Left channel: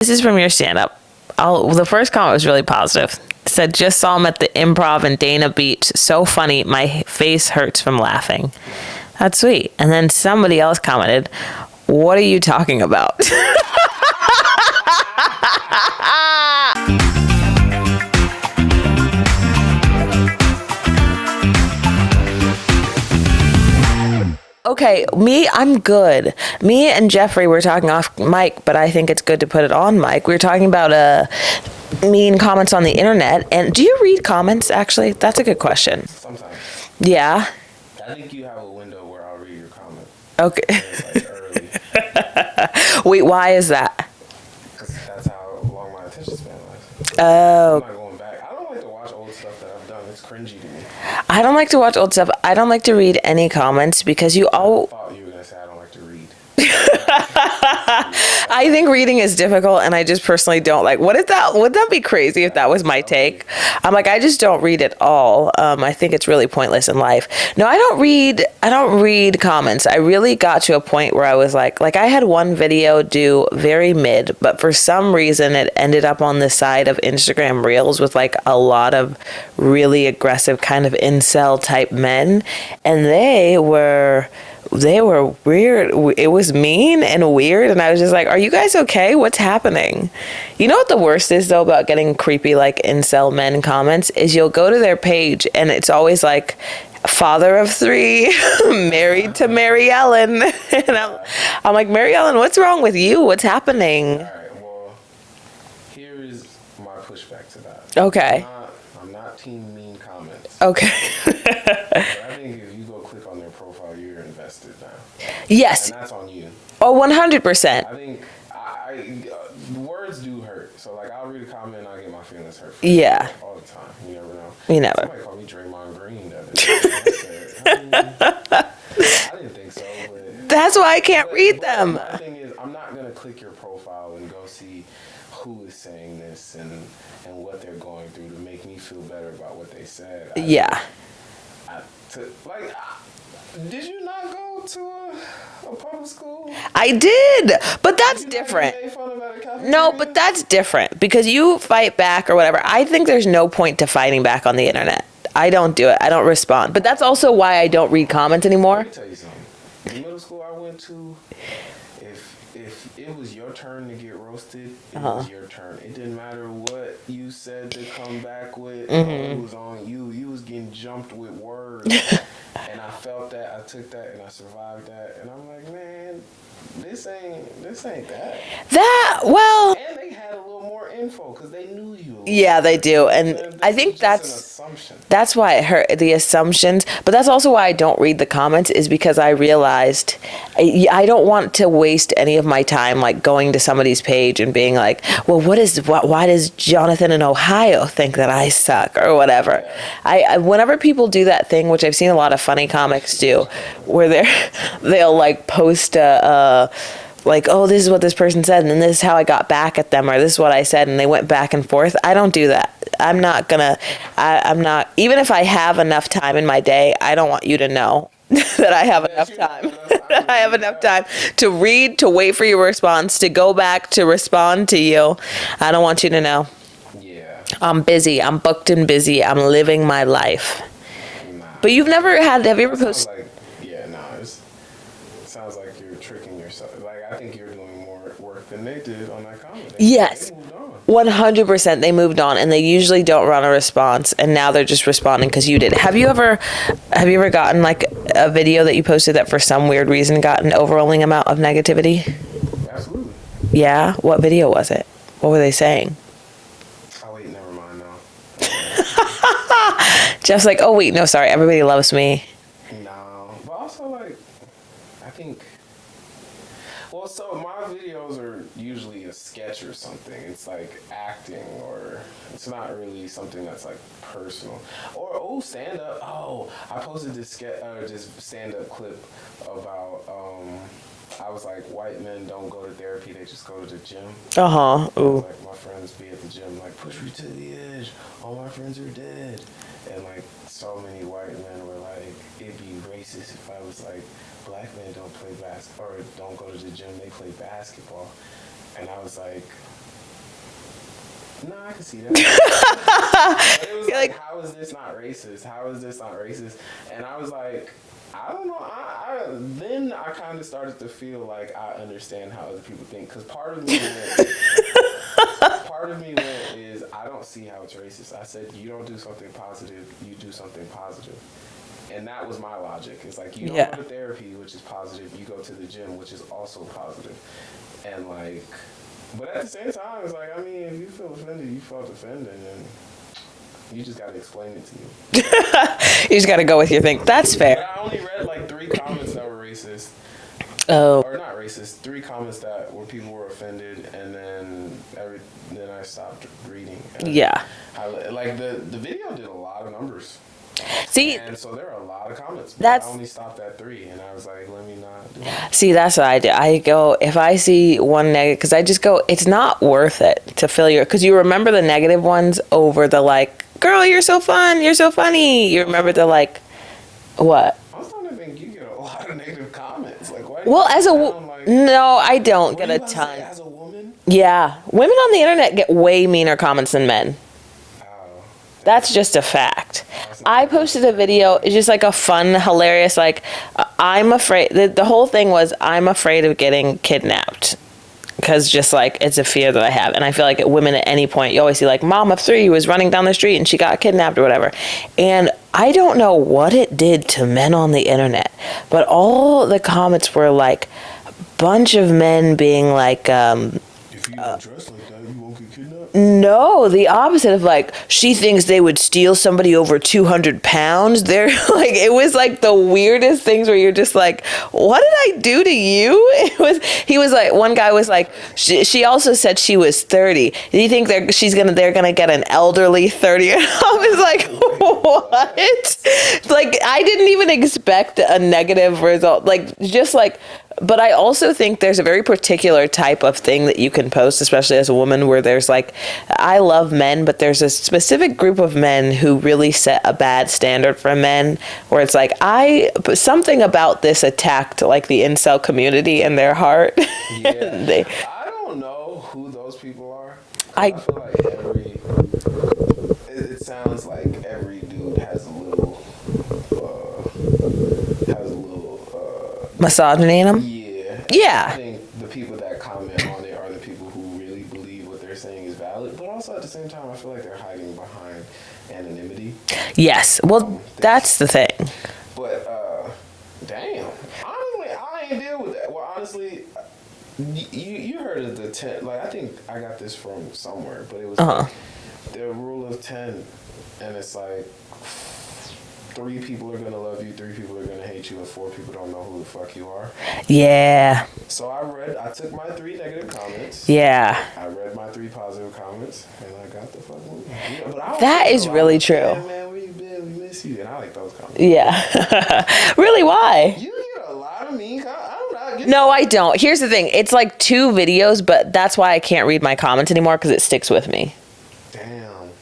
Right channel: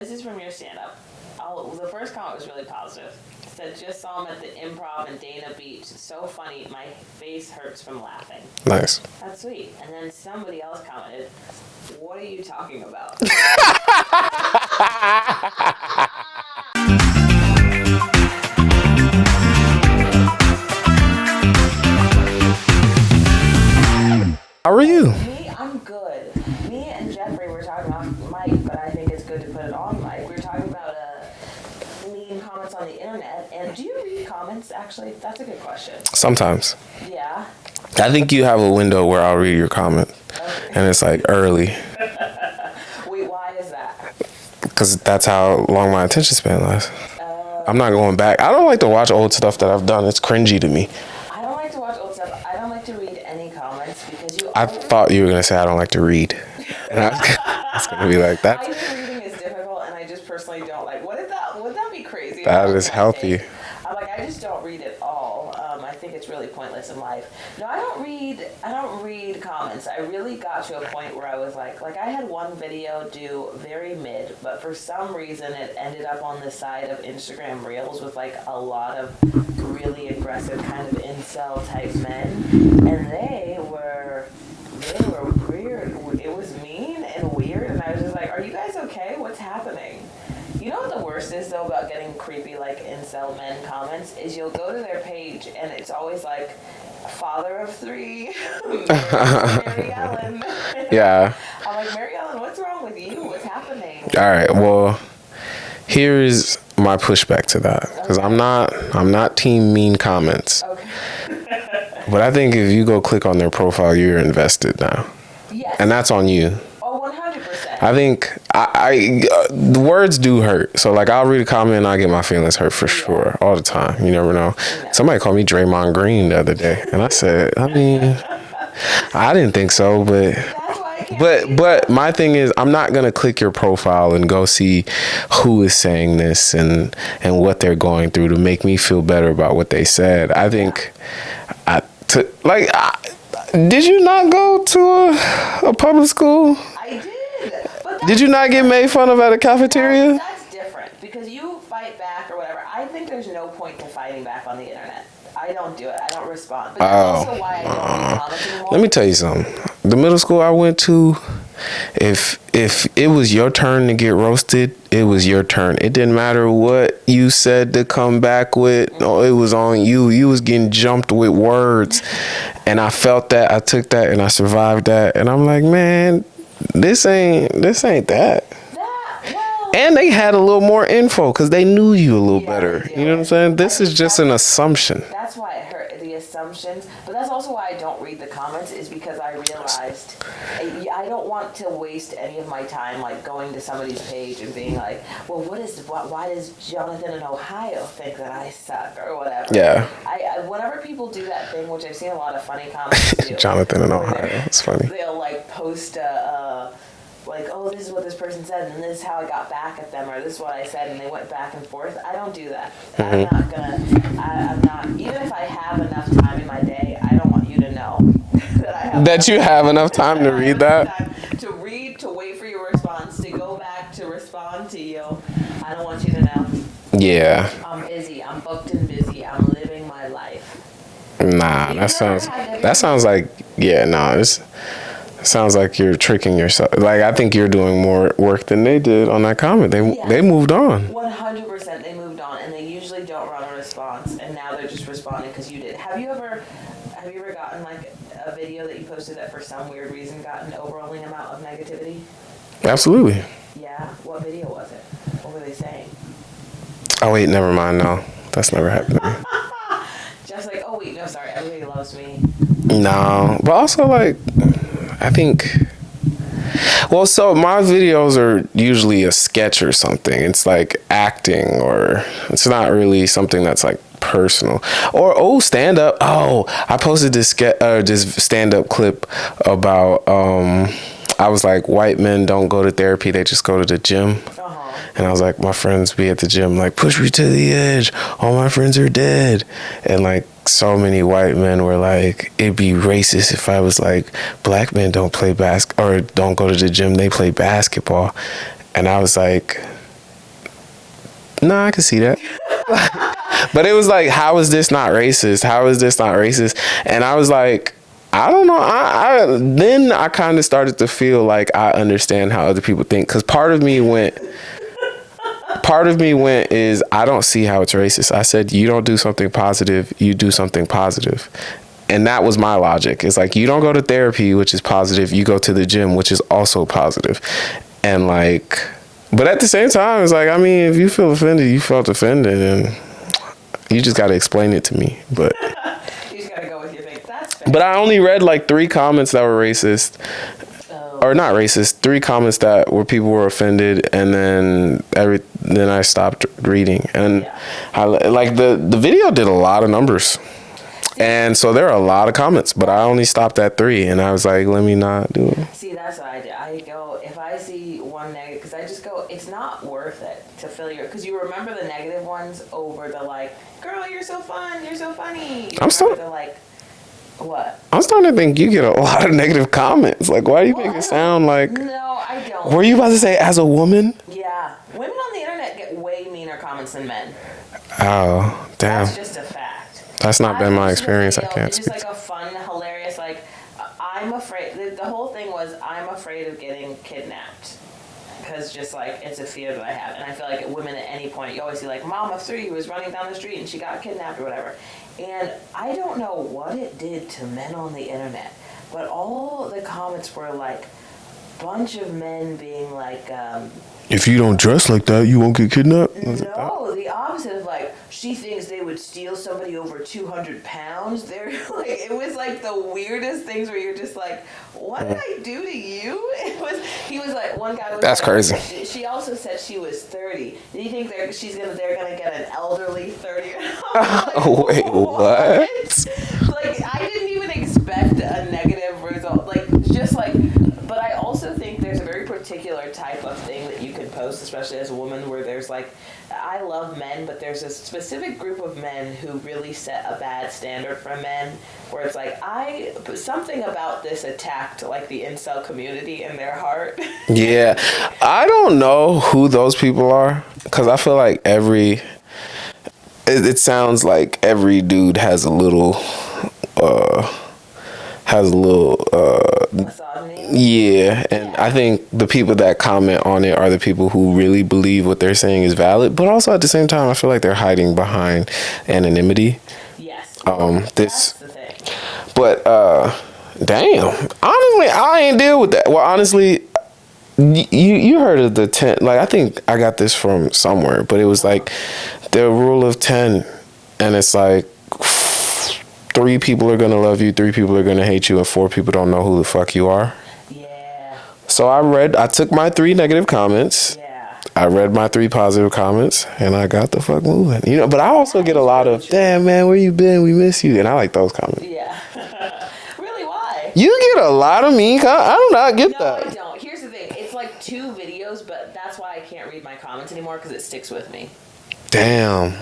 This is from your stand-up. The first comment was really positive. It said, just saw him at the Improv in Dana Beach. So funny. My face hurts from laughing. Nice. That's sweet. And then somebody else commented, what are you talking about? Okay, I'm good. Me and Jeffrey were talking off mic, but I think it's good to put it on mic. We were talking about mean comments on the internet. And do you read comments, actually? That's a good question. Sometimes. Yeah? I think you have a window where I'll read your comment. Okay. And it's like early. Wait, why is that? Because that's how long my attention span lasts. I'm not going back. I don't like to watch old stuff that I've done. It's cringy to me. I don't like to watch old stuff. I don't like to read any comments because I thought you were going to say I don't like to read. It's gonna be like that. I think reading is difficult, and I just personally don't like. Would that be crazy if that was my healthy. take? I'm like, I just don't read at all. I think it's really pointless in life. No, I don't read comments. I really got to a point where I was like I had one video do very mid, but for some reason it ended up on the side of Instagram Reels with like a lot of really aggressive kind of incel type men, and they were weird. It was mean and weird, and I was just like, are you guys okay? What's happening? You know what the worst is though about getting creepy like incel men comments is you'll go to their page and it's always like father of 3, married to Mary Ellen. Yeah. I'm like, Mary Ellen, what's wrong with you? What's happening? All right, well, here's my pushback to that. Okay. I'm not team mean comments. Okay. But I think if you go click on their profile, you're invested now. Yes. And that's on you. Oh, 100%. I think the words do hurt. So like I'll read a comment and I get my feelings hurt for sure all the time. You never know. Somebody called me Draymond Green the other day, and I said, I didn't think so, but that's why I can't read them. But my thing is, I'm not gonna click your profile and go see who is saying this and what they're going through to make me feel better about what they said. I think did you not go to a public school? I did, but that's Did you not get made fun of at a cafeteria? No, but that's different because you fight back or whatever. I think there's no point to fighting back on the internet. I don't do it. I don't respond. But that's also why I don't read comments anymore. Let me tell you something. The middle school I went to, if it was your turn to get roasted, it was your turn. It didn't matter what you said to come back with. Mm-hmm. No, it was on you. You was getting jumped with words. And I felt that. I took that and I survived that. And I'm like, man, this ain't that. And they had a little more info because they knew you a little better. Yeah, they do. You know what I'm saying? This is just an assumption. That's why it hurt, the assumptions. But that's also why I don't read the comments, is because I realized I don't want to waste any of my time like going to somebody's page and being like, well, why does Jonathan in Ohio think that I suck or whatever? Yeah. I whenever people do that thing, which I've seen a lot of funny comics do, Jonathan in where Ohio. they'll like post like, oh, this is what this person said, and then this is how I got back at them, or this is what I said, and they went back and forth. I don't do that. Mm-hmm. I'm not, even if I have enough time in my day, I don't want you to know that I have you have enough time to read that. I have enough time to read, to wait for your response, to go back, to respond to you. I don't want you to know. Yeah. I'm busy. I'm booked and busy. I'm living my life. Nah. But you've never had, have you ever? That sounds like, it sounds like you're tricking yourself. Like, I think you're doing more work than they did on that comment. They moved on. 100%. They moved on, and they usually don't run a response, and now they're just responding because you did. Have you ever gotten like a video that you posted that for some weird reason got an overwhelming amount of negativity? Absolutely. Yeah? What video was it? What were they saying? Oh, wait, never mind. No, that's never happened. Jeff's like, oh, wait, no, sorry. Everybody loves me. No, but also like, I think, well, so my videos are usually a sketch or something. It's like acting, or it's not really something that's like personal. Or stand up. Oh, I posted this stand up clip about I was like, white men don't go to therapy, they just go to the gym. And I was like, my friends be at the gym like, push me to the edge, all my friends are dead. And like, so many white men were like, it'd be racist if I was like, black men don't play or don't go to the gym, they play basketball. And I was like, No, I can see that. But it was like, how is this not racist? How is this not racist? And I was like, I don't know. Then I kind of started to feel like I understand how other people think. Because part of me went is I don't see how it's racist. I said, you don't do something positive, you do something positive. And that was my logic. It's like, you don't go to therapy, which is positive. You go to the gym, which is also positive. And like, but at the same time, it's like, I mean, if you feel offended, you felt offended, and you just got to explain it to me. But, You just got to go with your thing. That's fair. but I only read like 3 comments that were racist. Oh. Or not racist. 3 comments that where people were offended, and then I stopped reading. And like the video did a lot of numbers. See, and so there are a lot of comments, but I only stopped at 3, and I was like, let me not do it. See, that's what I do. I go, if I see one negative, because I just go, it's not worth it to fill your, because you remember the negative ones over the like, girl, you're so fun, you're so funny. You remember the like, what? I'm starting to think you get a lot of negative comments. Like, why do you make it sound like... No, I don't. Were you about to say as a woman? Yeah. Women on the internet get way meaner comments than men. Oh, damn. That's just a fact. That's not been my experience. I posted a video, it's just like a fun, hilarious, like, I'm afraid, the whole thing was, I'm afraid of getting kidnapped. Because just like, it's a fear that I have. And I feel like women at any point, you always see like, mom of 3 was running down the street and she got kidnapped or whatever. And I don't know what it did to men on the internet, but all the comments were like, bunch of men being like, if you don't dress like that, you won't get kidnapped? No, the opposite of like, she thinks they would steal somebody over 200 pounds. They're like, it was like the weirdest things where you're just like, what did I do to you? He was like, one guy was That's like, crazy. She also said she was 30. Do you think they're going to get an elderly 30? I was like, Wait, what? Like, I didn't even expect a negative result. Like, just like, but I also think there's a very particular type of thing that you can post, especially as a woman, where there's like, I love men, but there's a specific group of men who really set a bad standard for men, where it's like, something about this attacked like the incel community in their heart. Yeah. I don't know who those people are, because I feel like it sounds like every dude has a little misogyny in them. Yeah. And yeah. I think the people that comment on it are the people who really believe what they're saying is valid, but also at the same time, I feel like they're hiding behind anonymity. Yes. Well, that's the thing. But, damn. Honestly, I ain't deal with that. Well, honestly, you heard of the 10, like, I think I got this from somewhere, but it was like the rule of 10, and it's like, 3 people are going to love you, 3 people are going to hate you, and 4 people don't know who the fuck you are. Yeah. So I took my 3 negative comments. Yeah. I read my 3 positive comments, and I got the fuck moving. You know, but I also that get a lot really of, true. damn, man, where you been? We miss you. And I like those comments. Yeah. Really, why? You get a lot of mean comments. I do not get that. No, I don't. Here's the thing. It's like 2 videos, but that's why I can't read my comments anymore, because it sticks with me. Damn.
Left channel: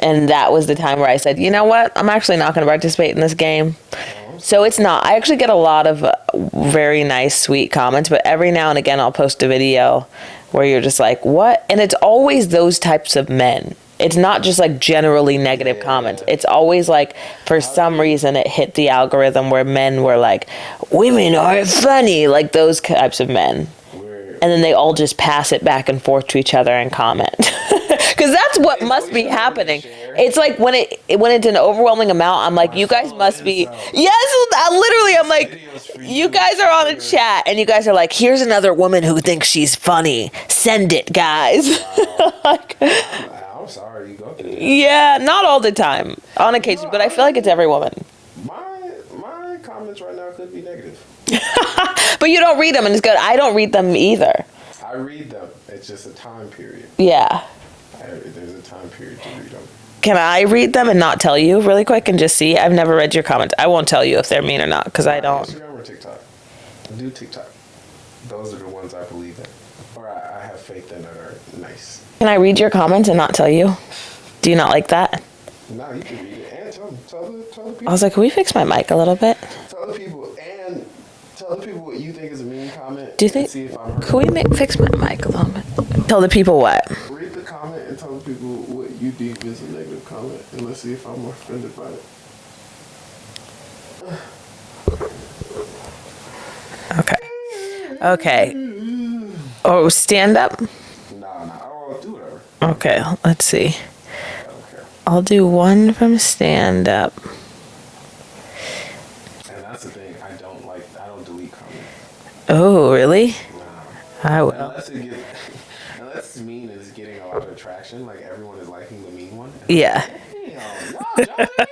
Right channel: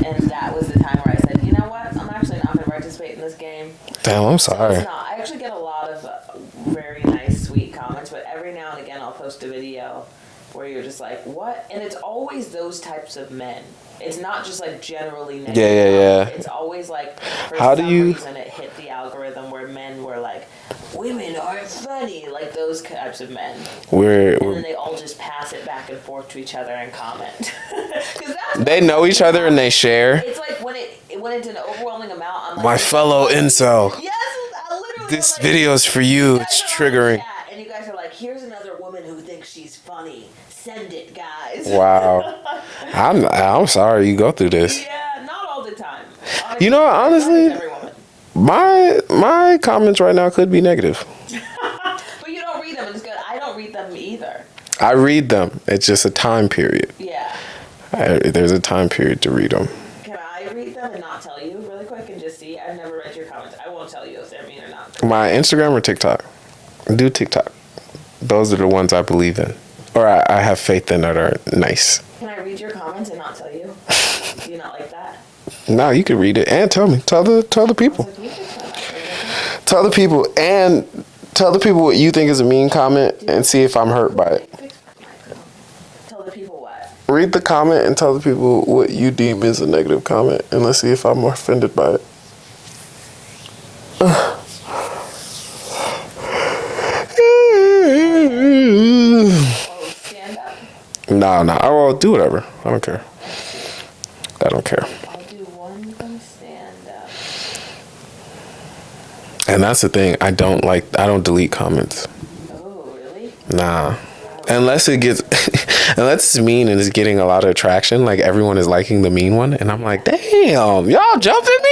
And that was the time where I said, you know what? I'm actually not going to participate in this game. Damn, I'm sorry. So it's not. I actually get a lot of very nice, sweet comments, but every now and again I'll post a video where you're just like, what? And it's always those types of men. It's not just like generally negative comments. Yeah. It's always like, for some reason, it hit the algorithm where men were like, women aren't funny, like those types of men. And then they all just pass it back and forth to each other and comment. Because that's what they know must each be other happening. And they share. It's like when it's an overwhelming amount, I'm like, my you guys fellow must incel. be. Yes, literally, I'm like, video's for you. You guys are on a chat, and you guys are like, here's another woman who thinks she's funny. Send it, guys. Wow. I'm sorry you go through this. Yeah, not all the time. On occasion, but honestly, I feel like it's every woman. My comments right now could be negative. But you don't read them, and it's good. I don't read them either. I read them. It's just a time period. Yeah. There's a time period to read them. Can I read them and not tell you really quick and just see? I've never read your comments. I won't tell you if they're mean or not. Cause my Instagram or TikTok? Do TikTok. Those are the ones I believe in. Or I have faith in that are nice. Can I read your comments and not tell you? Do you not like that? No, you can read it and tell me. Tell the people. I was like, can we fix my mic a little bit? Tell the people what you think is a mean comment and see if I'm hurt by it. Fix my mic a little bit? Tell the people what? Read the comment and tell the people what you deem is a negative comment, and let's see if I'm more offended by it. Okay. Oh, stand up? No. I will do whatever. I don't Okay, care. let's see. I don't care. I'll do one from stand up. And that's the thing. I don't delete comments. Oh, really? Nah. I will. Unless it's mean and it's getting a lot of traction, like everyone is liking the mean one, and I'm Yeah. like, damn, y'all jumped at me.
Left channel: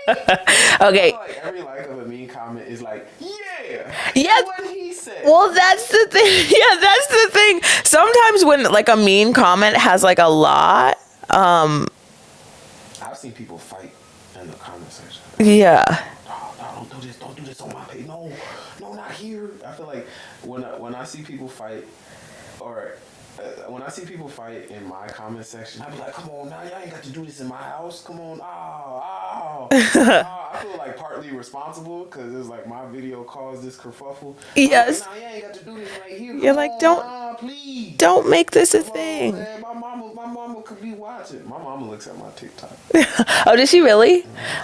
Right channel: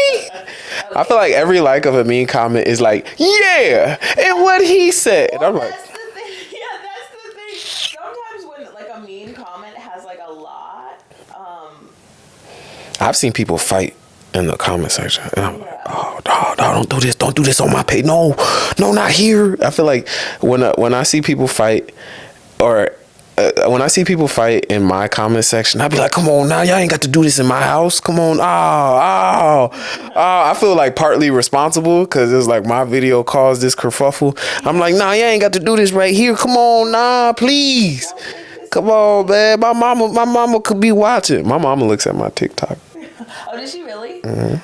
Okay. I feel like every like of a mean comment is like, yeah, and what he said. Well, And I'm like, that's the thing. Yeah, that's the thing. Sometimes when like a mean comment has like a lot, I've seen people fight in the comment section. And yeah. no, don't do this. Don't do this on my page. No, not here. I feel like when I see people fight, or when I see people fight in my comment section, I'll be like, come on now, y'all ain't got to do this in my house. Come on. I feel like partly responsible because it's like my video caused this kerfuffle. Yes. I'm like, nah, y'all ain't got to do this right here. Come You're like, on, don't- nah, please. Don't make this Come a on, thing. man. My mama could be watching. My mama looks at my TikTok. Oh, does she really?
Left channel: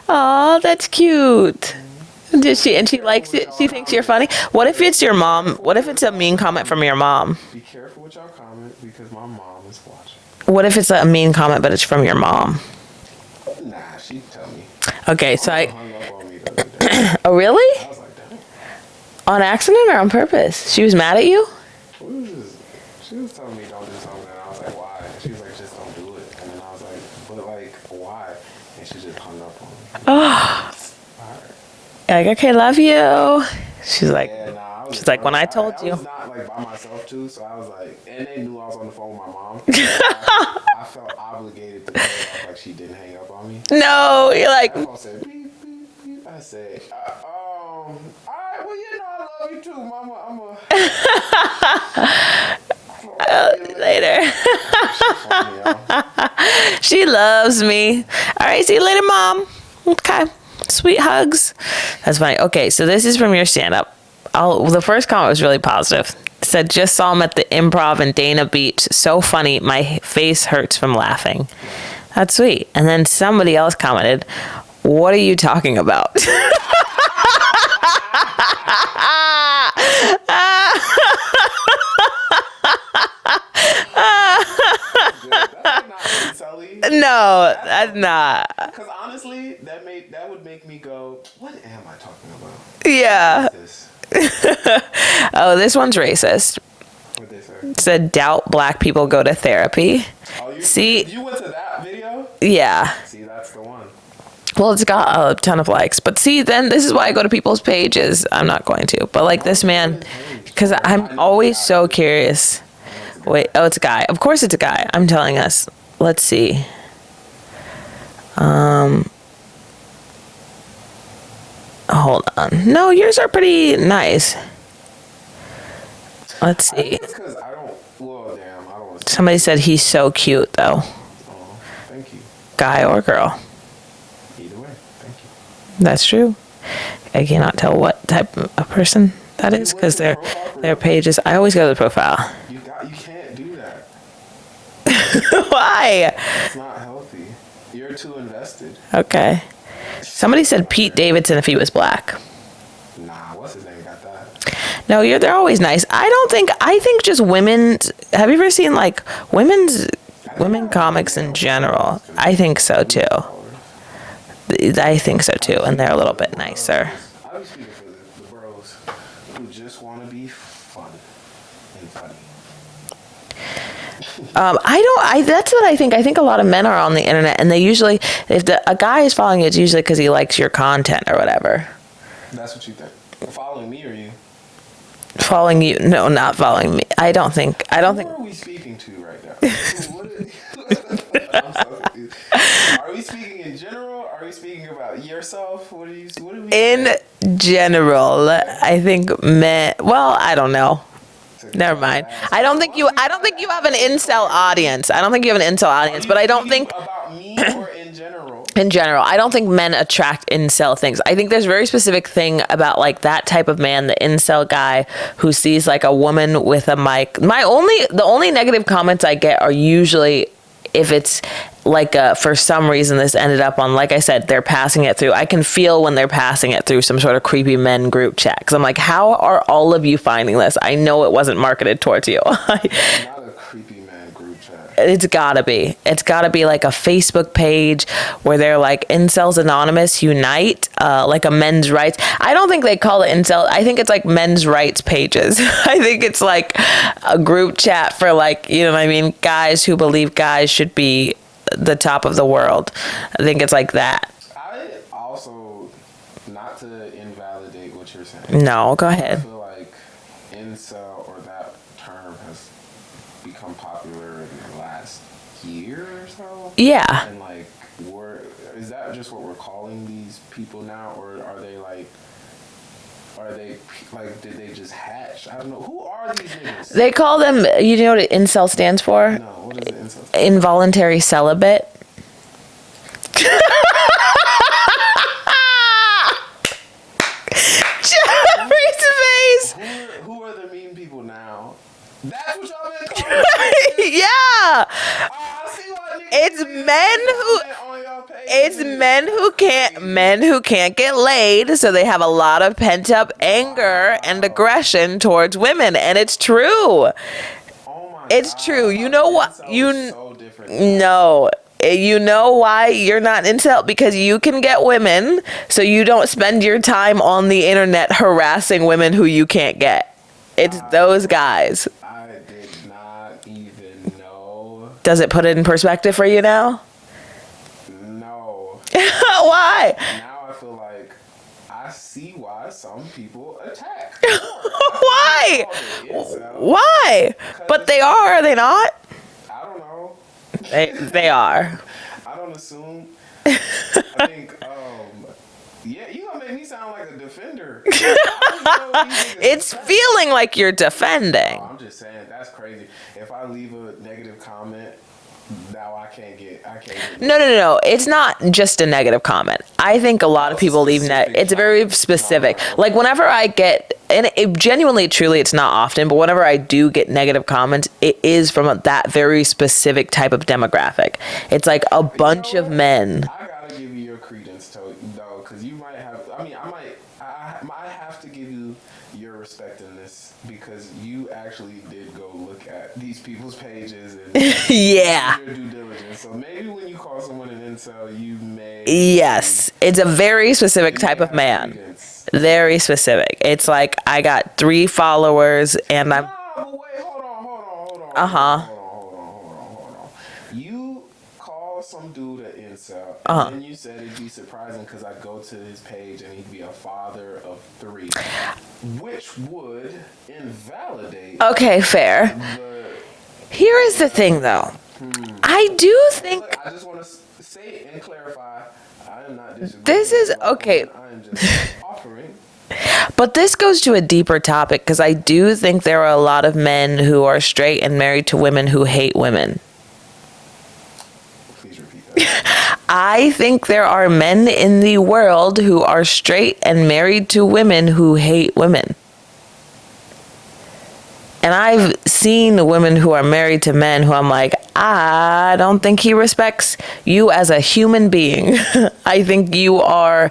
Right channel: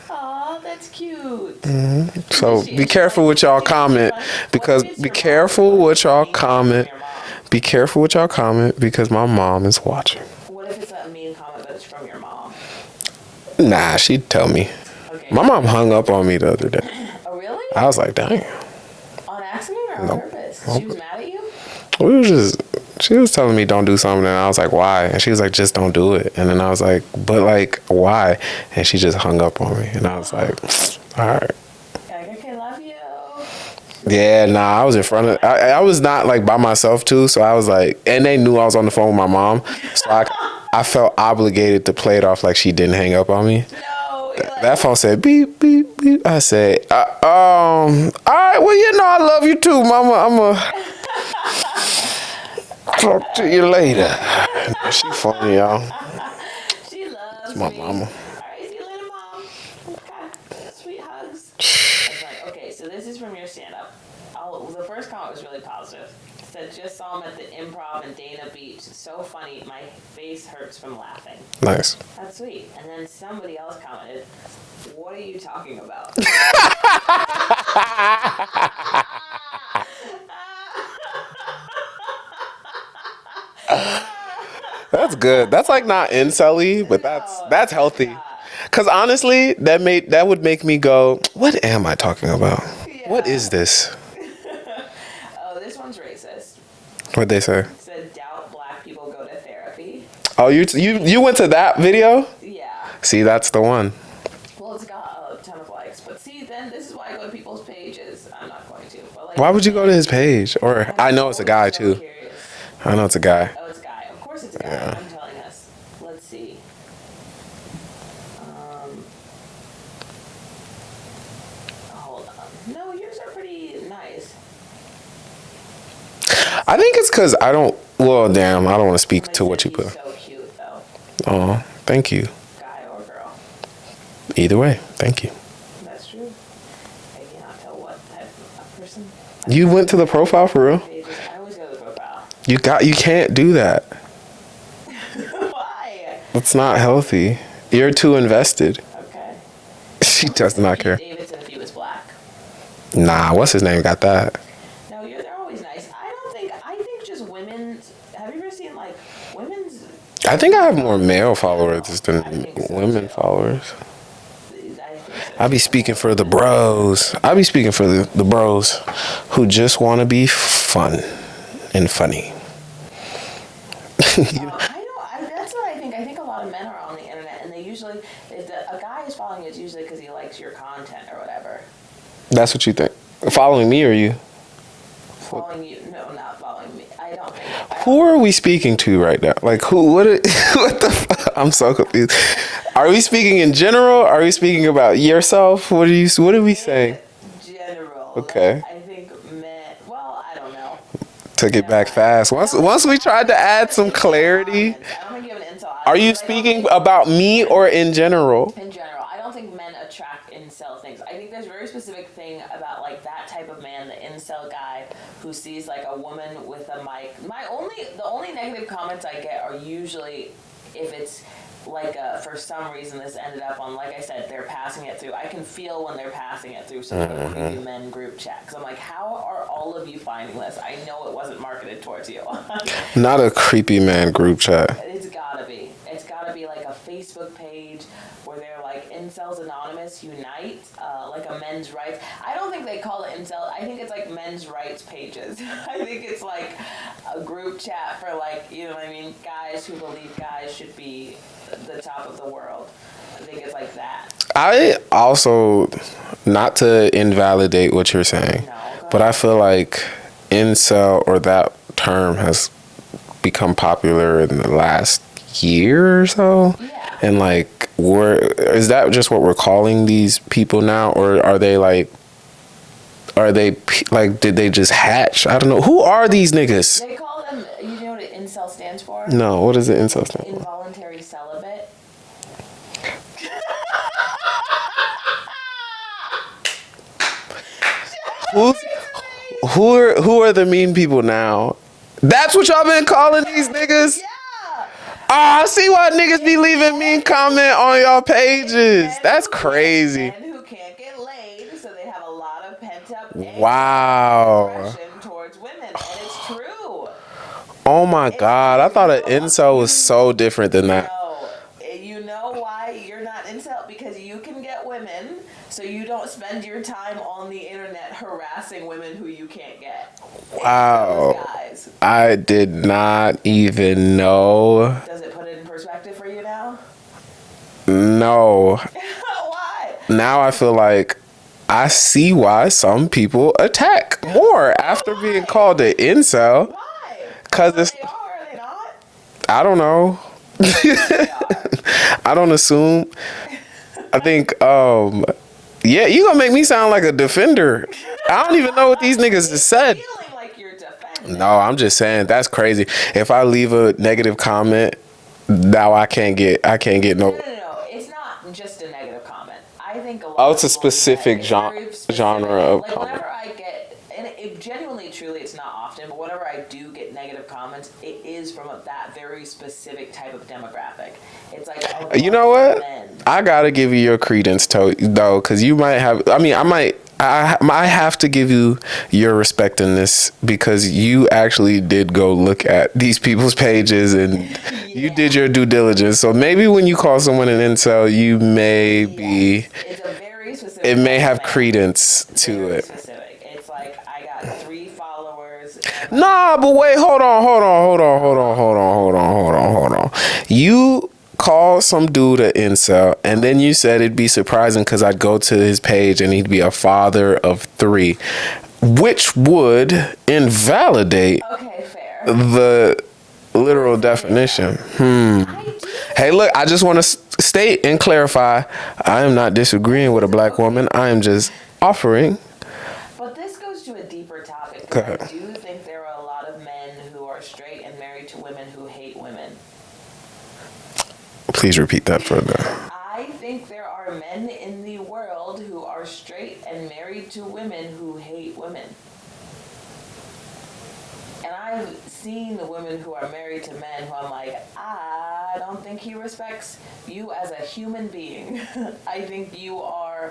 Oh, that's cute. So Does she? be And she careful likes with it? y'all She thinks comment. you're funny. What if because it's be your mom? careful What if what it's a y'all mean comment from comment. your mom? Be careful with y'all comment because my mom is watching. What if it's a mean comment, but it's from your mom? Nah, she'd tell me. Okay, My so mom hung up on me the other day. oh, really? I was like, dang. On accident or on purpose? She was mad at you? She was telling me don't do something, and I was like, why? And she was like, just don't do it. And then I was like, but like, why? And she just hung up on me. And I was like, all right. Like, okay, love you. She's like, Yeah, nah, I was in like front when of. I told I you. was not like by myself too, so I was like, and they knew I was on the phone with my mom, so I felt obligated to play it off like she didn't hang up on me. no, you're like, That phone said beep beep beep. I said, all right, well, you know I love you too, mama. Talk to you later. She funny, y'all. she loves me. All right, see you later, mom. Okay, sweet hugs. That's funny. Okay, so this is from your stand-up. The first comment was really positive. It said, just saw him at the Improv in Dana Beach. So funny. My face hurts from laughing. Nice. That's sweet. And then somebody else commented, what are you talking about? That's good. That's like not incel-y, but No, that's healthy. not. Because honestly, that would make me go, what am I talking about? Yeah. What is this? Oh, this one's racist. What'd they say? It said, doubt black people go to therapy. Oh, See? you went to that video? Yeah. See, that's the one. Well, it's got a ton of likes. But see, then this is why I go to people's pages. I'm not going to. But like Why this would you man. go to his page? Because Or- I I'm know it's a always guy, so too. curious. I know it's a guy. Wait, oh, it's a guy. Of course it's a guy. I'm telling us. Let's see. Hold on. No, yours are pretty nice. Let's see. I think it's because I don't. Well, damn, I don't want to speak. Somebody to said what you he's so cute, though. put. Oh, thank you. Guy or girl. Either way, thank you. That's true. I cannot tell what type of person that You is. went 'cause to the their- profile for Their real? pages. I always go to the profile. You can't do that. Why? It's not healthy. You're too invested. Okay. She Somebody does said not Pete care. Davidson if he was black. Nah, what's his name? Got that? No, they're always nice. I think just women's. Have you ever seen like women's? I think I women have more comics male in general. followers than I think so women too. Followers. I think so too. I be and they're a speaking for little the bit nicer. bros. I be speaking for the bros who just want to be fun and funny. That's what I think. I think a lot of men are on the internet, and they usually, if a guy is following you, it's usually because he likes your content or whatever. That's what you think. Following me or you? Following you? No, not following me. I don't think. Who are we speaking to right now? Like who? What the fuck? I'm so confused. Are we speaking in general? Are we speaking about yourself? What are we In saying? general, Okay. I think men. Well, I don't know. Took it Never back mind. fast. I don't think Once you, we I tried don't think to you have add an some incel clarity. audience. I don't think you have an incel Are audience, you but I don't speaking think about me or in general? in general, I don't think men attract incel things. I think there's a very specific thing about like that type of man, the incel guy who sees like a woman with a mic. The only negative comments I get are usually if it's like for some reason this ended up on, like I said, they're passing it through. I can feel when they're passing it through some sort of creepy men group chat because I'm like, how are all of you finding this? I know it wasn't marketed towards you. Not a creepy man group chat. It's gotta be like a Facebook page where they're like Incels Anonymous Unite, like a men's rights. I don't think they call it incel. I think it's like men's rights pages. I think it's like a group chat for like, you know what I mean, guys who believe guys should be the top of the world. I think it's like that. I also, not to invalidate what you're saying. No, go But I ahead. feel like incel or that term has become popular in the last year or so. Yeah. And like, is that just what we're calling these people now, or are they like, did they just hatch? I don't know. Who are these niggas? They call them, you know what incel stands for? No, what is it? Incel. Involuntary celibate. Jeffrey's face. Who are the mean people now? That's what y'all been calling these niggas? Yeah. Oh, I see why niggas be It's leaving men mean comment on y'all pages. It's That's crazy. men who can't get laid, so they have a lot of pent up anger and Wow. aggression towards women, and it's true. Oh my It's god! true. I thought You know an what? incel was so different than that. No. You know why you're not incel? Because you can get women, so you don't spend your time on the internet harassing women who you can't get. It's those guys. I did not even know. Does it put it in perspective for you now? No. Why? Now I feel like I see why some people attack more after Why? being called an incel. Why? 'Cause But it's- they are they not? I don't know. They are. I don't assume. I think, yeah, you gonna make me sound like a defender. I don't even know what these niggas It's said. feeling like you're defending. No, I'm just saying that's crazy. If I leave a negative comment, now I can't get no. No. It's not just a negative comment. I think a lot of it's a people leave that. specific It's very specific. genre of Like whenever I get, and it genuinely, truly, it's not often, but whenever I do get negative comments, it is from that very specific type of demographic. It's like a bunch You know what? of men. I gotta give you your credence though, because you might have. I mean, I have to give you your respect in this because you actually did go look at these people's pages and you did your due diligence. So maybe when you call someone an incel, you may Yes, it's a very specific it type may of have man. credence. to Very it. specific. It's like I got 3 followers and I'm Nah, but wait, hold on. You call some dude an incel, and then you said it'd be surprising because I'd go to his page and he'd be a father of 3, which would invalidate okay, fair. the Here literal is the thing, definition. I do think Hey, look, I just want to state and clarify, I am not disagreeing This with a is- black okay. woman. I am just offering. But this goes to a deeper topic because I do think there are a lot of men who are straight and married to women who hate women. Please repeat that for me. I think there are men in the world who are straight and married to women who hate women. And I've seen women who are married to men who I'm like, I don't think he respects you as a human being. I think you are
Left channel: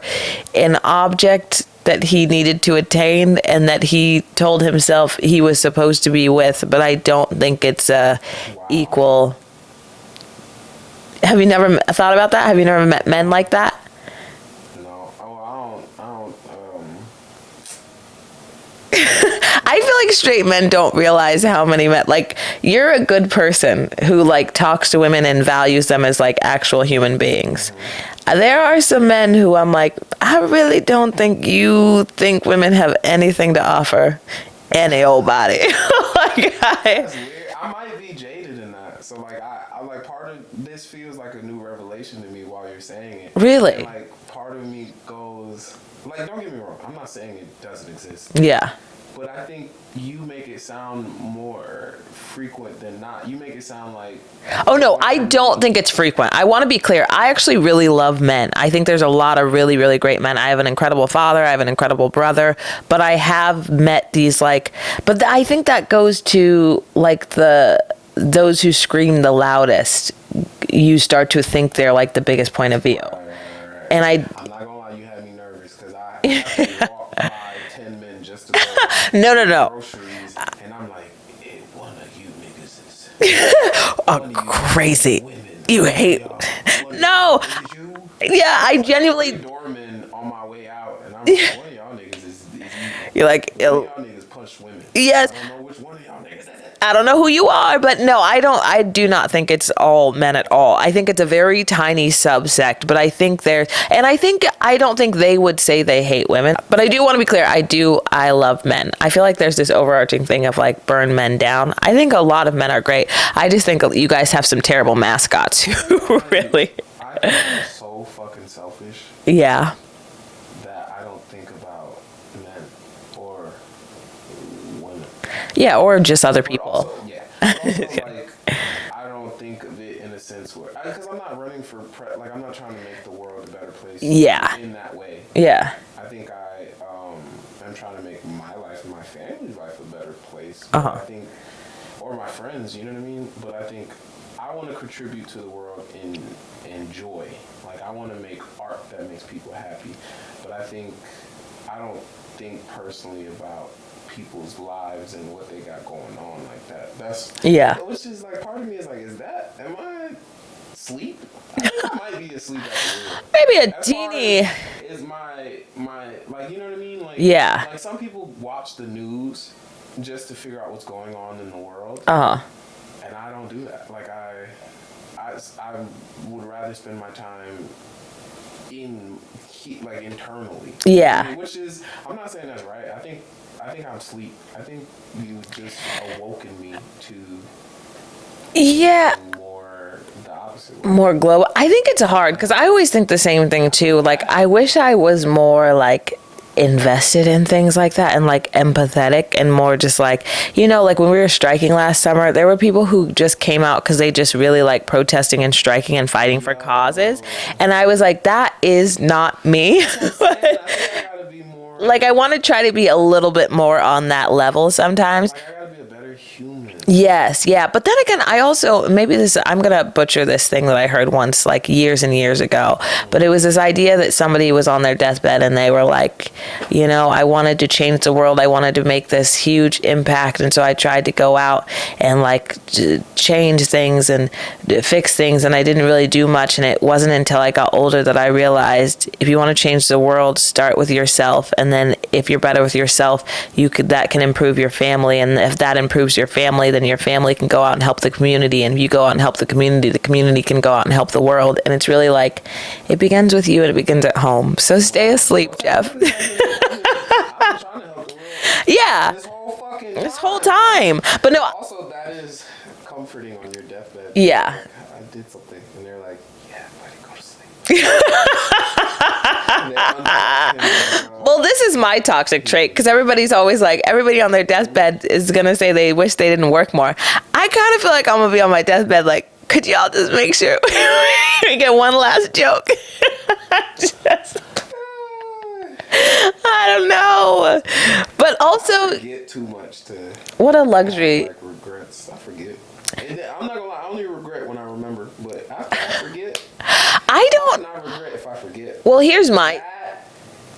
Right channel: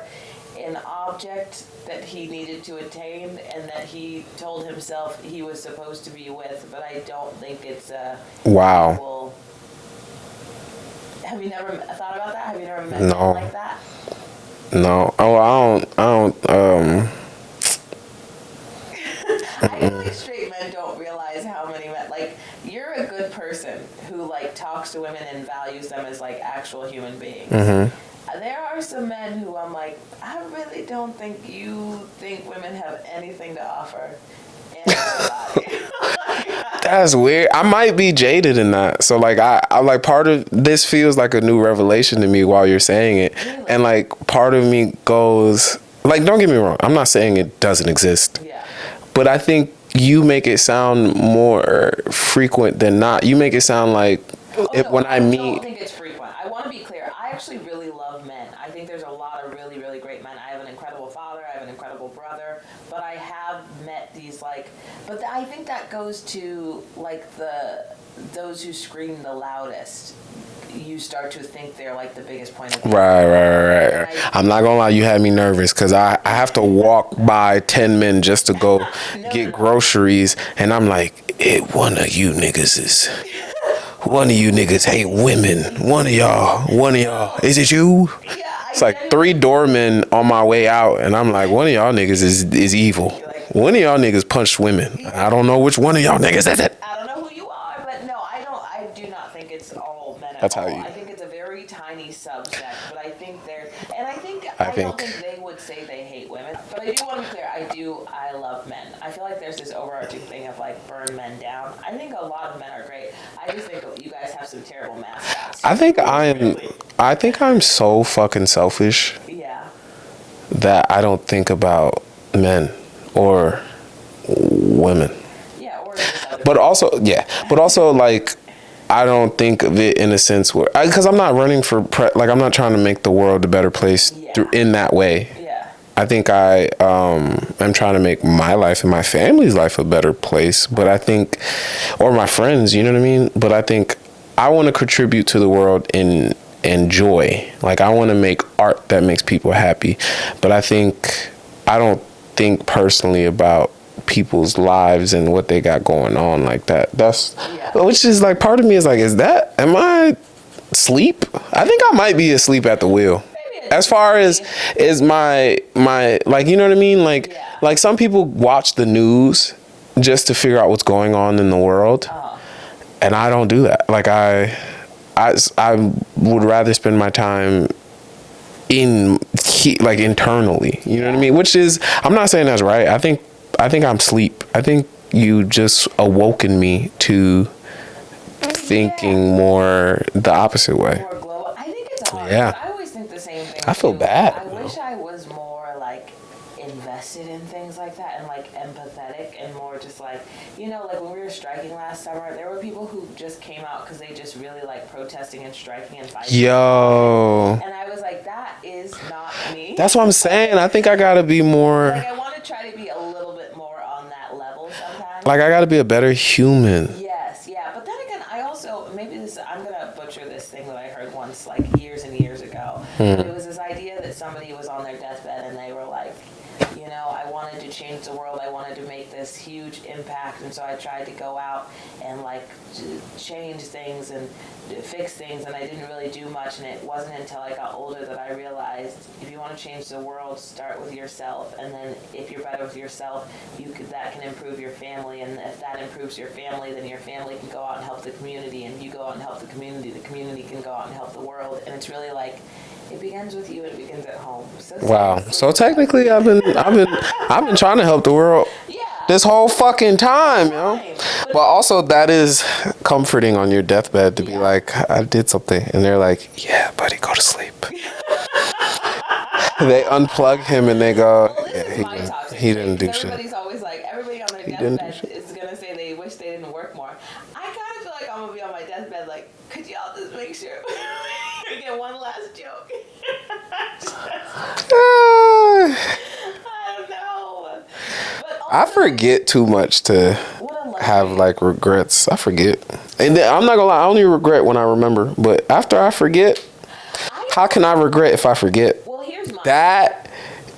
an object that he needed to attain and that he told himself he was supposed to be with, but I don't think it's Wow. equal. Have you never thought about that? Have you never met men No. like that? No. Oh, I don't. I feel like straight men don't realize how many men, like, you're a good person who, like, talks to women and values them as, like, actual human beings. There are some men who I'm like, I really don't think you think women have anything to offer any old body. That's weird. I might be jaded in that. So like I like part of this feels like a new revelation to me while you're saying it. Really? And like part of me goes like, don't get me wrong. I'm not saying it doesn't exist. Yeah. But I think you make it sound more frequent than not. You make it sound like. Oh no, when I don't meet- think it's frequent. I want to be clear. I actually really love men. I think there's a lot of really, really great men. I have an incredible father. I have an incredible brother. But I have met these but I think that goes to like those who scream the loudest. You start to think they're like the biggest point of view. Right. And I'm not gonna lie, you had me nervous because I have to walk by 10 men just to go No. groceries, and I'm like, one of you niggas is one of you niggas crazy. hate women. One of y'all. Is it you? Yeah, I It's like genuinely. 3 doormen on my way out, and I'm like, one of y'all niggas is evil. You're like, one of no. y'all niggas punched women. Yes. I don't know which one of y'all niggas is it. I don't know who you are, but no, I do not think it's all men at all. I think it's a very tiny subsect, but I think I don't think they would say they hate women. But I do want to be clear, I love men. I feel like there's this overarching thing of like burn men down. I think a lot of men are great. I just think you guys have some terrible mascots. I think really. I think I'm so fucking selfish Yeah. that I don't think about men or women. Yeah, or just other people. But also like I don't think of it in a sense where because I'm not running for I'm not trying to make the world a better place in that way. Yeah. I think I am trying to make my life and my family's life a better place, but I think, or my friends, you know what I mean? But I think I want to contribute to the world in joy. Like I want to make art that makes people happy, but I don't think personally about people's lives and what they got going on like that. Which is like part of me is like, am I asleep? I think I might be asleep at the wheel. Maybe as far as my like, you know what I mean? Like, yeah. Like some people watch the news just to figure out what's going on in the world. And I don't do that. Like I would rather spend my time internally. You know what I mean? Which is, I'm not saying that's right. I think I'm asleep. I think you just awoken me to thinking more the opposite way. More global. I think it's hard because I always think the same thing too. Like I wish I was more like invested in things like that and like empathetic and more just like, you know, like when we were striking last summer, there were people who just came out because they just really like protesting and striking and fighting for causes. And I was like, that is not me. That's what I'm saying. I think I gotta be more like, I want to try to be a little bit more on that level sometimes. Like I gotta be a better human. Yes. Yeah. But then again, I also, I'm going to butcher this thing that I heard once like years and years ago, but it was this idea that somebody was on their deathbed and they were like, you know, I wanted to change the world. I wanted to make this huge impact. And so I tried to go out and like change things and fix things. And I didn't really do much. And it wasn't until I got older that I realized if you want to change the world, start with yourself. And then if you're better with yourself, that can improve your family. And if that improves your family, then your family can go out and help the community. And if you go out and help the community can go out and help the world. And it's really like, it begins with you and it begins at home. So stay asleep. So technically, Jeff. I've been trying to help the world. Yeah. This whole fucking time. But no. Also, that is comforting on your deathbed. To be like, I did something, and they're like, "Yeah, buddy, go to sleep." They unplug him and they go. Well, this is my toxic trait because everybody's always like, everybody on their deathbed is gonna say they wish they didn't work more. I kind of feel like I'm gonna be on my deathbed like, could y'all just make sure we get one last joke? I don't know. But also, I forget too much to what a luxury. Have like regrets. I forget. And then, I'm not gonna lie, I only regret when I remember. But after I forget, how can I regret if I forget? Well, here's mine. That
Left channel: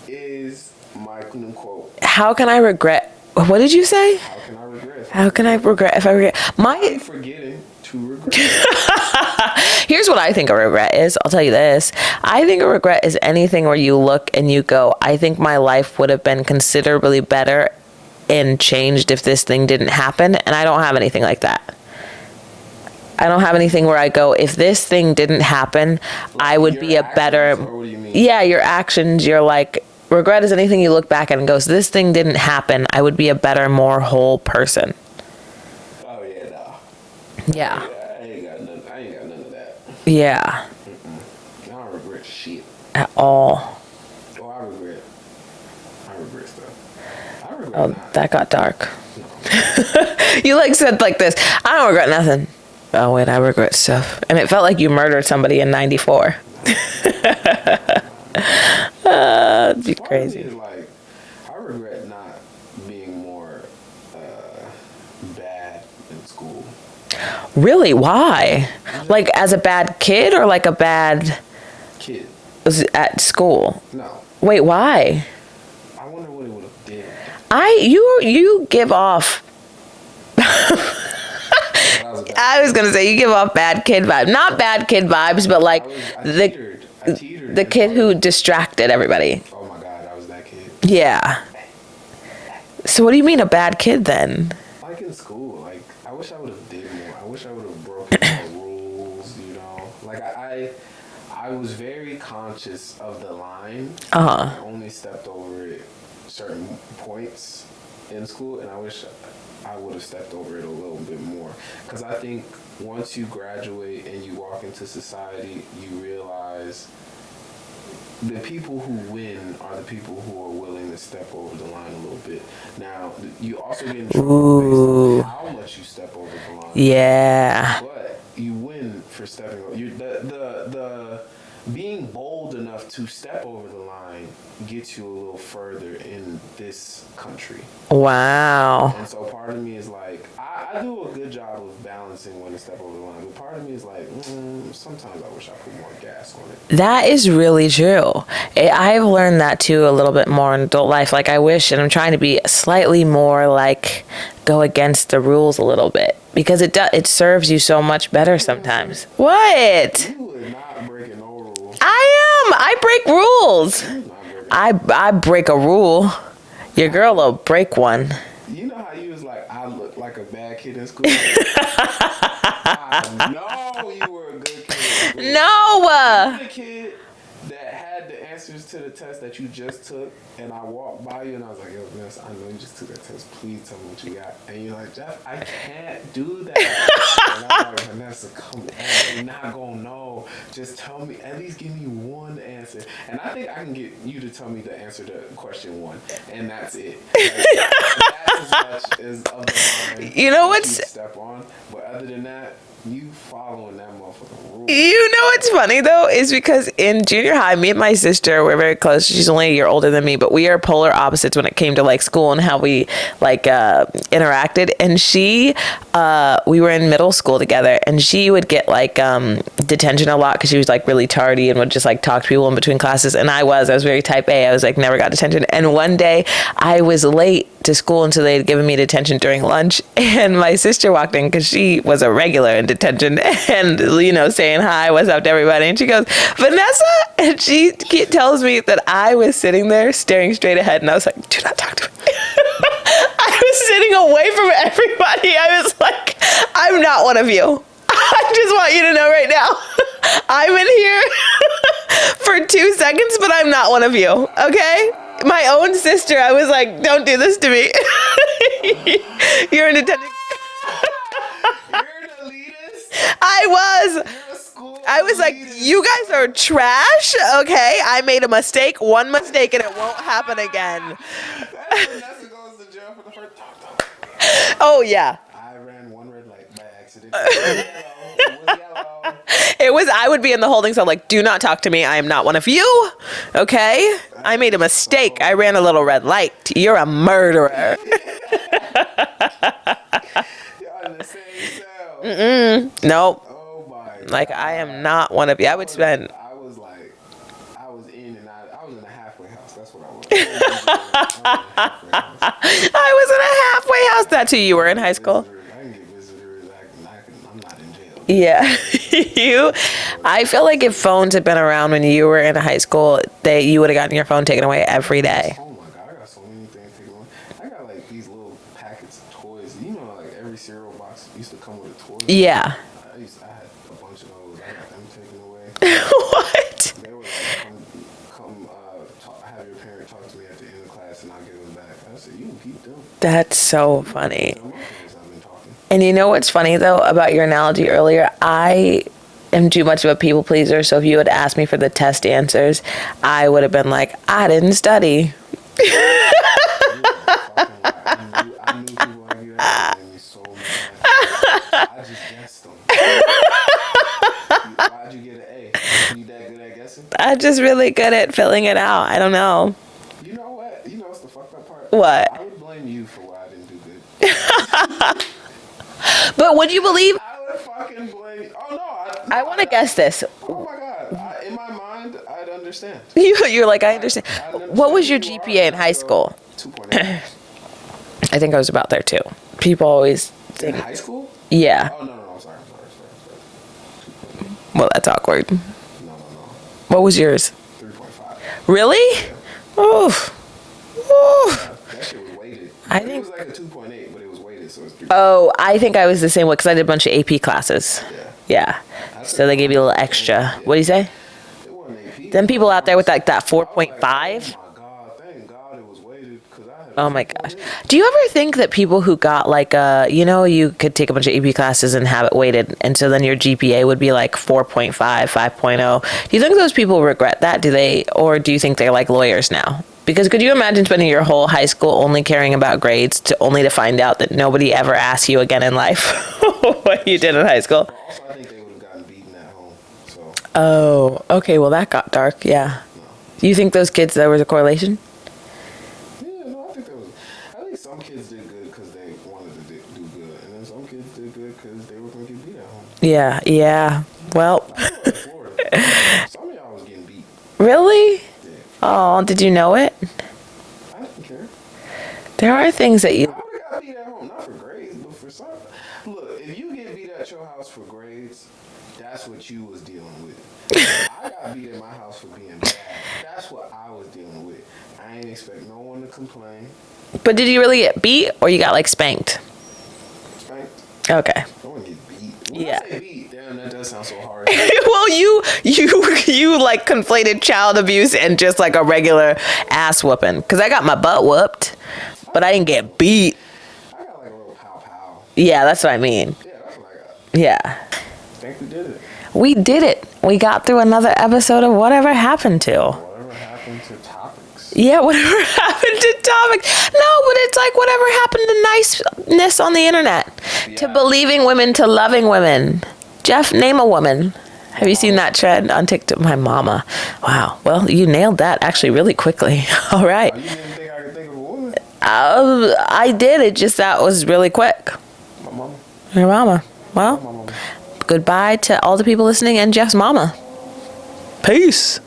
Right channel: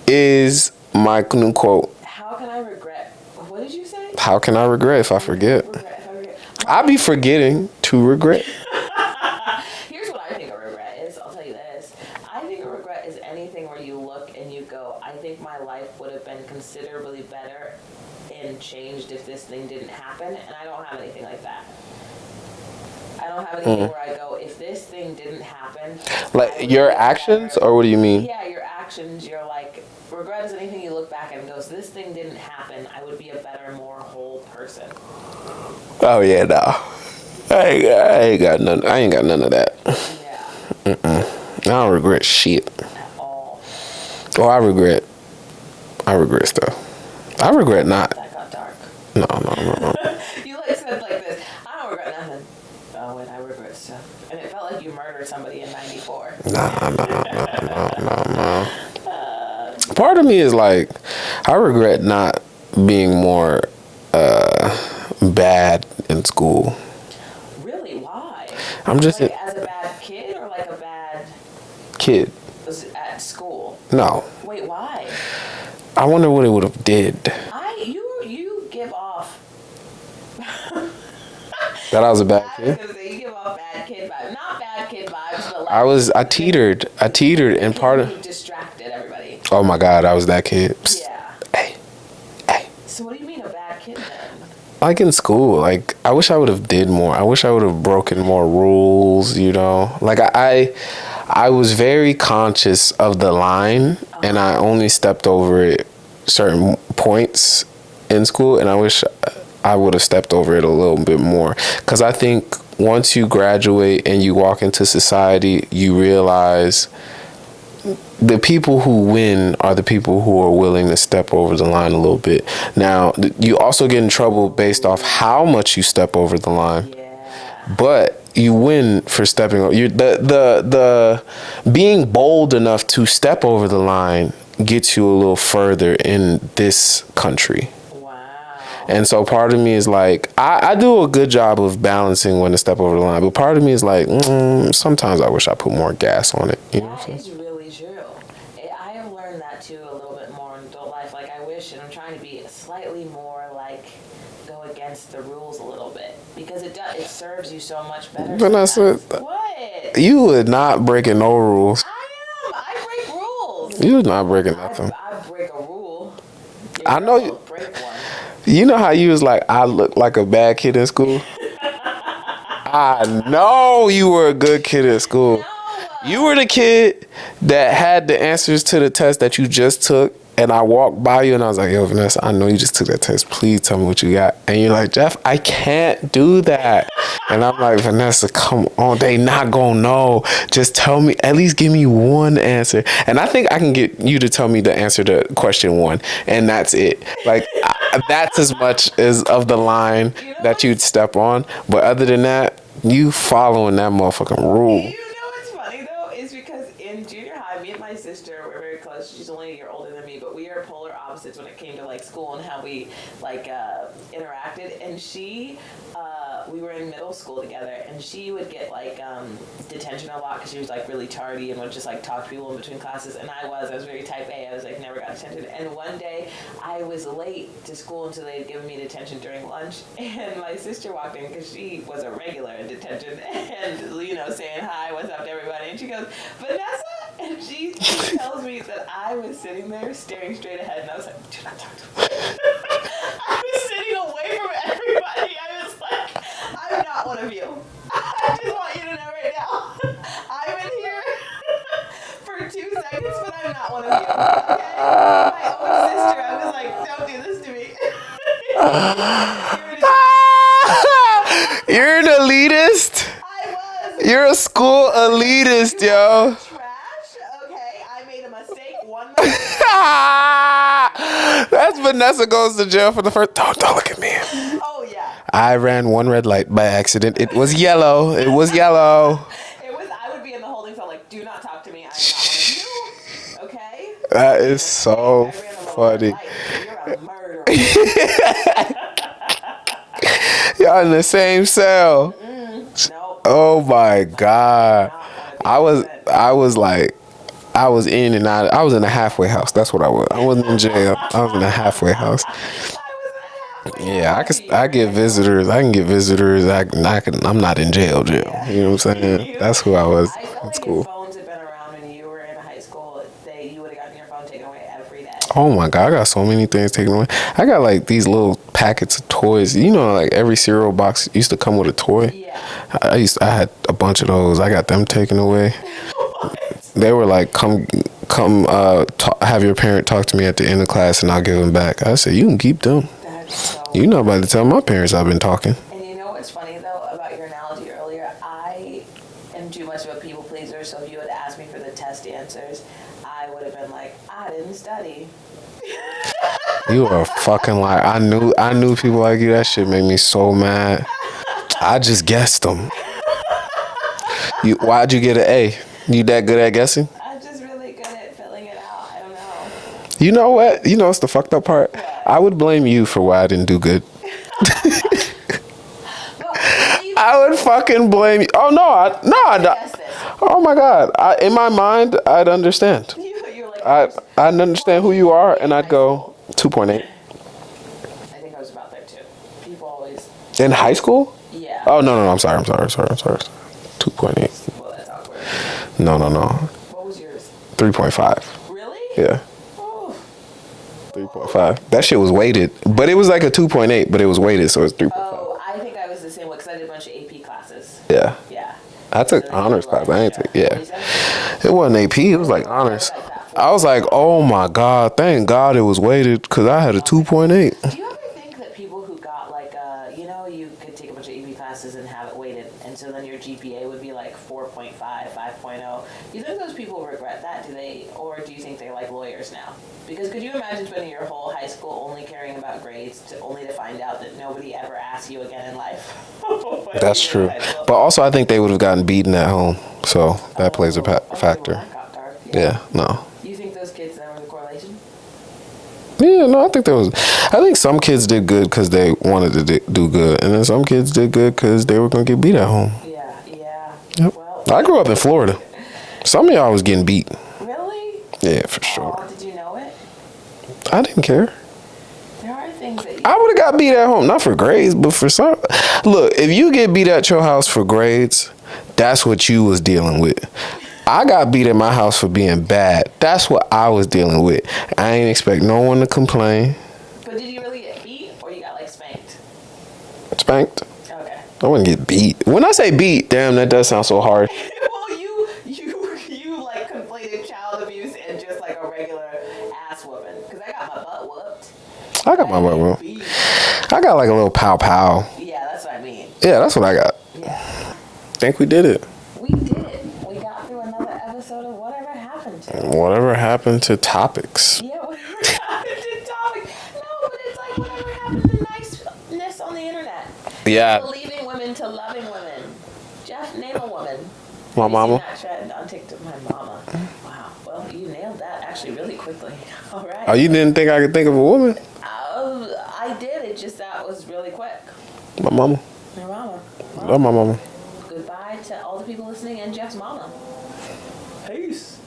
is my new quote. How can I regret? What did you say? How can I regret if I forget? How can I regret if I forget? I'll be forgetting to regret. Here's what I think a regret is. I'll tell you this. I think a regret is anything where you look and you go, I think my life would have been considerably better and changed if this thing didn't happen. And I don't have anything like that. I don't have anything where I go, if this thing didn't happen, like I would be a better. Or what do you mean? Yeah, your actions. You're like, regret is anything you look back at and goes, this thing didn't happen. I would be a better, more whole person. Oh yeah, no. Yeah. I ain't got none. I ain't got none of that. Yeah. I don't regret shit at all. Oh, I regret stuff. I regret not. That got dark. No. You like said like this. I don't regret nothing. Oh wait, I regret stuff. And it felt like you murdered somebody in '94. No. Part of me is like, I regret not being more bad in school. Really? Why? I'm just like as a bad kid or like a bad kid. at school? No. Wait, why? I wonder what it would have did. You give off. That I was a bad. I was gonna say you give off bad kid vibes, not bad kid vibes, but like I teetered. The and kid part who of, distracted everybody. oh my God, I was that kid. Yeah. Hey. So what do you mean a bad kid then? Like in school, like I wish I would have did more. I wish I would have broken more rules. You know, like I was very conscious of the line, and I only stepped over it certain points in school, and I wish I would have stepped over it a little bit more, because I think once you graduate and you walk into society, you realize the people who win are the people who are willing to step over the line a little bit. Now, you also get in trouble based off how much you step over the line. Yeah. But you win for stepping over. The being bold enough to step over the line gets you a little further in this country. Wow. And so part of me is like, I do a good job of balancing when to step over the line, but part of me is like, sometimes I wish I put more gas on it. That is really true. I've learned that too a little bit more in adult life. Like I wish, and I'm trying to be slightly more like go against the rules a little bit, because it serves you so much better sometimes. What? You would not breaking no rules. I break rules. You would not breaking nothing. I break a rule. Your girl will break one. You know how you was like, I look like a bad kid in school? I know you were a good kid in school. No. You were the kid that had the answers to the test that you just took, and I walked by you and I was like, yo, Vanessa, I know you just took that test. Please tell me what you got. And you're like, Jeff, I can't do that. And I'm like, Vanessa, come on. They not going to know. Just tell me, at least give me one answer. And I think I can get you to tell me the answer to question 1. And that's it. Like, that's as much as of the line that you'd step on. But other than that, you following that motherfucking rule. You know what's funny though is because in junior high, me and my sister were very close. She's only a year older than me, but we are polar opposites when it came to like school and how we like interacted. And we were in middle school together, and she would get like detention a lot because she was like really tardy and would just like talk to people in between classes. And I was very type A. I was like never got detention. And one day I was late to school until they had given me detention during lunch, and my sister walked in because she was a regular in detention and saying hi, what's up to everybody, and she goes, Vanessa, and she tells me that I was sitting there staring straight ahead, and I was like, do not talk to me. I was sitting away from everybody. I was like, I'm not one of you. I just want you to know right now, I'm in here for 2 seconds, but I'm not one of you, okay? My own sister, I was like, don't do this to me. You're in detention. You're an elitist. I was. You're a school elitist, like, you guys are trash. Okay, I made a mistake. One mistake, and it won't happen again. That's Vanessa goes to jail for the first. Don't look at me. Oh yeah. I ran one red light by accident. It was yellow. It was yellow. It was. I would be in the holding cell, like, do not talk to me. I am not one of you. Okay. I made a mistake. So I ran a little red light. You're a murderer. Y'all in the same cell. Nope. Oh my God. I am not one of you. I was in and out. I was in a halfway house. That's what I was. I wasn't in jail. I was in a halfway house. I was in a halfway house. That's who you were in high school. I can get visitors. I'm not in jail. Yeah. You know what I'm saying? That's who I was. I feel like if phones had been around when you were in high school, you would have gotten your phone taken away every day. Oh my God, I got so many things taken away. I got like these little packets of toys. Like every cereal box used to come with a toy. Yeah. I had a bunch of those. I got them taken away. What? They were like, come have your parent talk to me at the end of class and I'll give them back. I said, you can keep them. That's so funny. You're not about to tell my parents I've been talking. And you know what's funny though about your analogy earlier? I am too much of a people pleaser, so if you had asked me for the test answers, I would have been like, I didn't study. You a fucking liar. I knew people like you. That shit made me so mad. I just guessed them. Why'd you get an A? You that good at guessing? I'm just really good at filling it out. I don't know. You know what? You know what's the fucked up part? What? I would blame you for why I didn't do good. But would you believe? I would fucking blame you. Oh no, I'm gonna guess this. Oh my god! In my mind, I'd understand. You're like, I understand. I understand What was who your you are, GPA in and I'd high go school? 2.8. I think I was about there too. People always. In high school? Yeah. Oh no, I'm sorry. 2.8. Well, that's awkward. No. What was yours? 3.5. Really? Yeah. Oof. 3.5. That shit was weighted, but it was like a 2.8, but it was weighted, so it's 3. Oh, I think I was the same way because I did a bunch of AP classes. Yeah. Yeah. I took So they gave you a little honors class, but I ain't extra. take- yeah. What do you say? It wasn't AP. It Then was people like out there with honors. like that 4.5. I was like, oh my god, thank God it was weighted because I had a Oh my God. 2.8. Do you ever think that people who got like you could take a bunch of AP classes and have it weighted, and so then your GPA would be like 4.5, 5.0. Do you think those people regret that? Or do you think they're like lawyers now? Because could you imagine spending your whole high school only caring about grades only to find out that nobody ever asked you again in life what you did in high school? But also, I think they would have gotten beaten at home. So that plays a factor. Okay, well that got dark. Yeah. No. You think those kids, there was a correlation? Yeah, no, I think some kids did good because they wanted to do good. And then some kids did good because they were going to get beat at home. Yeah. Well, I grew up in Florida. Some of y'all was getting beat. really? Yeah, for sure. Oh, did you know it? I didn't care. There are things that you. I would have got beat at home, not for grades, but for some. Look, if you get beat at your house for grades, that's what you was dealing with. I got beat at my house for being bad. That's what I was dealing with. I ain't expect no one to complain. But did you really get beat, or you got like spanked? Spanked. Okay. I wouldn't get beat. When I say beat, damn, that does sound so harsh. Well, you like conflated child abuse and just like a regular ass whooping. Because I got my butt whooped, but I didn't get beat. I got like a little pow pow. Yeah, that's what I mean. Yeah, that's what I got. Yeah. Think we did it. We did it. We got through another episode of Whatever Happened to. Whatever happened to topics? Yeah, whatever happened to topics. No, but it's like whatever happened to niceness on the internet. Yeah. To believing women, to loving women. Jeff, name a woman. Have you seen mama. that trend on TikTok? My mama. Wow. Well, you nailed that actually really quickly. All right. Oh, you didn't think I could think of a woman? I did. It just that was really quick. My mama. Your mama. Well, Love my mama. goodbye to all the people listening and Jeff's mama. Peace.